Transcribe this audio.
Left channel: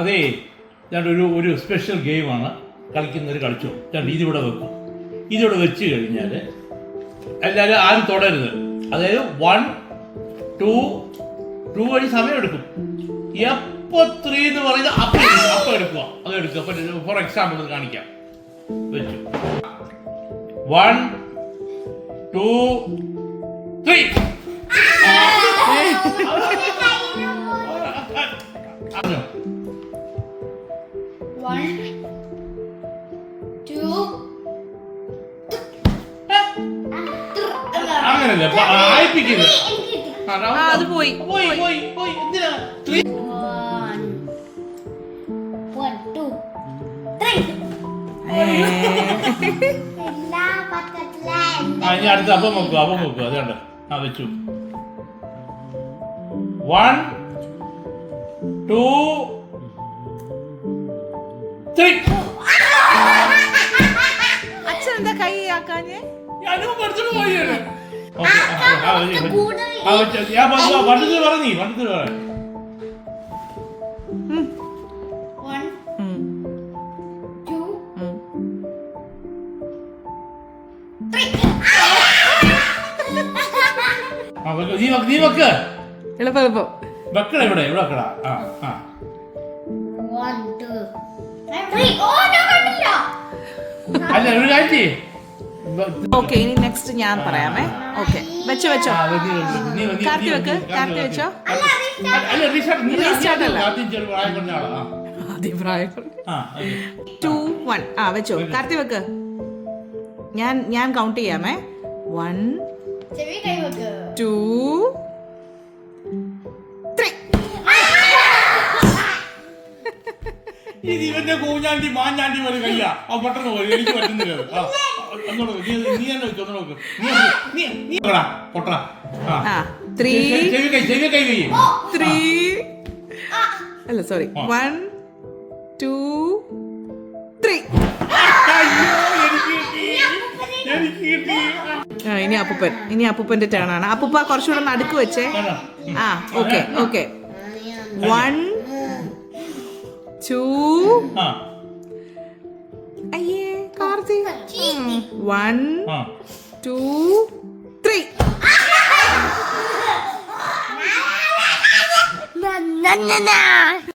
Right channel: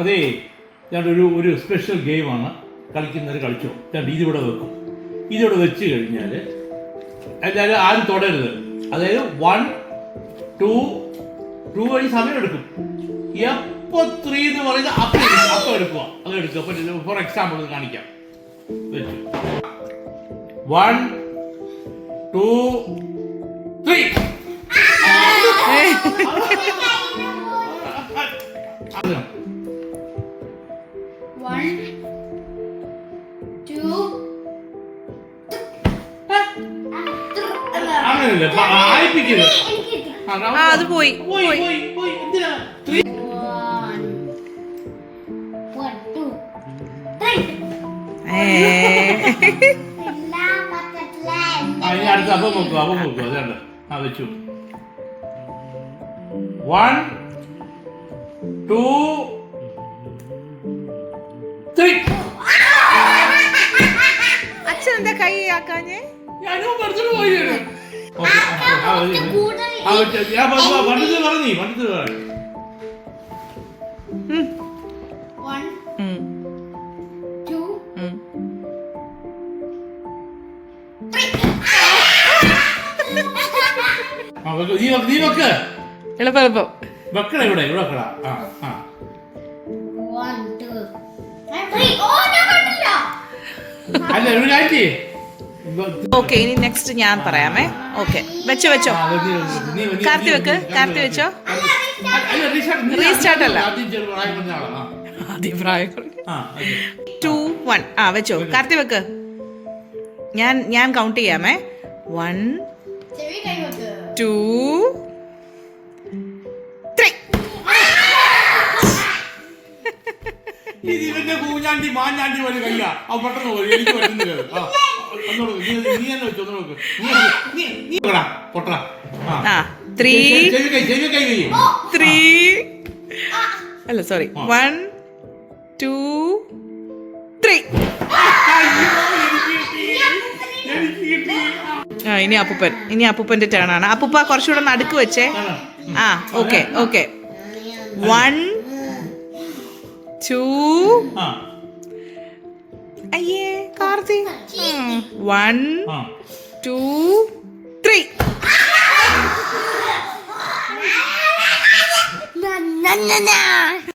അതേ ഞാൻ ഒരു ഒരു സ്പെഷ്യൽ ഗെയിമാണ് കളിക്കുന്നവർ കളിച്ചു. ഞാൻ ഇതിവിടെ വെക്കും. ഇതിവിടെ വെച്ച് കഴിഞ്ഞാൽ എല്ലാവരും ആരും തുടരുത്. അതായത് വൺ ടു ടു വഴി സമയം എടുക്കും എപ്പോ ത്രീ എന്ന് പറയുന്നത് അപ്പം അപ്പം എടുക്കുക. അത് എടുക്കുക. അപ്പം ഫോർ എക്സാമ്പിൾ ഇത് കാണിക്കാം. വെച്ചു. One two three One, two, അങ്ങനല്ലേ ആ, അത് പോയി, പോയി പോയി. പോയി എന്തിനാ? അടുത്ത അപ്പം വെക്കുക അപ്പം വെക്കുക അത് കണ്ട? ആ വെച്ചു. വൺ ടു അച്ഛൻ എന്താ കൈ ആക്കാഞ്ഞേ ഞാനും പഠിച്ചിട്ട് പോയി ഞാൻ. പറഞ്ഞു പണ്ടത് പറഞ്ഞീ പണ്ടത് പറ One, ഉം, two, ഉം. ആ വെക്ക്. നീ നീ വെക്ക് എളുപ്പം എളുപ്പം വെക്കട ഇവിടെ ഇവിടെ വെക്കടാ ആ ആ three. Oh, ഓക്കെ ഇനി നെക്സ്റ്റ് ഞാൻ പറയാമേ. ഓക്കെ വെച്ചോ വെച്ചോ. കാർത്തി വെക്ക് കാർത്തി വെച്ചോ. റീസ്റ്റാർട്ട് അല്ല. അഭിപ്രായം. ടു വൺ ആ. വെച്ചോ. കാർത്തി വെക്ക്. ഞാൻ ഞാൻ കൗണ്ട് ചെയ്യാമേ. വൺ. ടു ഇത് ഇവന്റെ കൂഞ്ഞാണ്ടി മാഞ്ഞാണ്ടി പോലെ കയ്യ. ആ പെട്ടെന്ന് പോലെ എനിക്ക് പറ്റുന്നില്ല ആ, ഒന്നുകൂടെ വെക്ക്. നീ നീ തന്നെ വെച്ചു ഒന്നുകൂടെ വെക്ക്. നീ നീ നീ പൊടാ പൊട്ടടാ ആ. ത്രീ കൈ കൈ അല്ല സോറി. വൺ ടു ത്രീ അയ്യോ എനിക്ക് കിട്ടി. എനിക്ക് കിട്ടി. ആ ഇനി അപ്പൂപ്പൻ. ഇനി അപ്പൂപ്പന്റെ ടേൺ ആണ്. അപ്പൂപ്പ കുറച്ചുകൂടെ നടുക്ക് വെച്ചേ. ആ. ഓക്കെ ഓക്കെ വൺ ആ. അയ്യേ Karthi. One two three Na, na, na, na.